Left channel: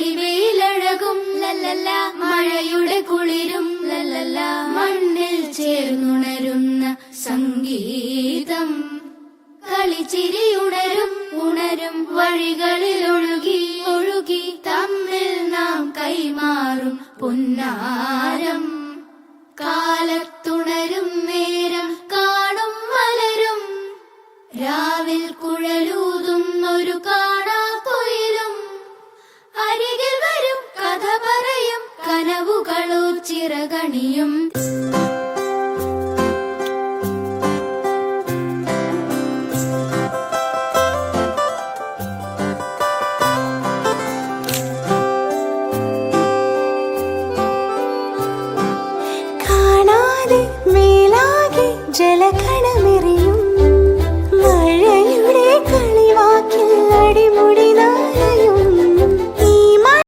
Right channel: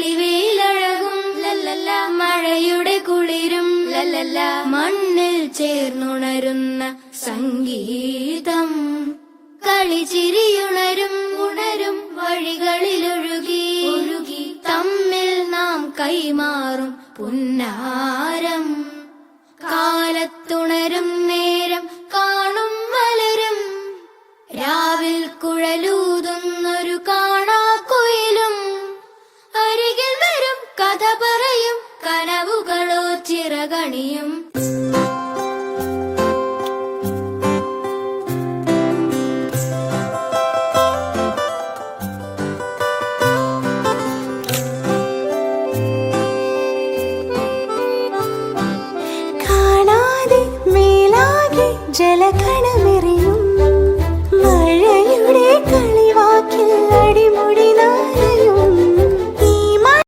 തെളിവേലഴകും ലല്ലല്ല, മഴയുടെ കുളിരും ലല്ലല്ല, മണ്ണിൽ ചേർന്നുണരുന്ന സംഗീതം. കളിച്ചിരിയുണരും ഉണരും വഴികളിലൊഴുകി ഒഴുകി തമ്മിൽ നാം കൈമാറും പുന്നാരം. കാലത്തുണരും നേരം കാണും മലരും, രാവിൽ കുഴലൂതുന്നൊരു കാണാക്കുയിലും. അരികിൽ വരും കഥ പറയും കനവുകളോ ചിറകണിയും. കാണാതെ മേലാകെ ജലകണ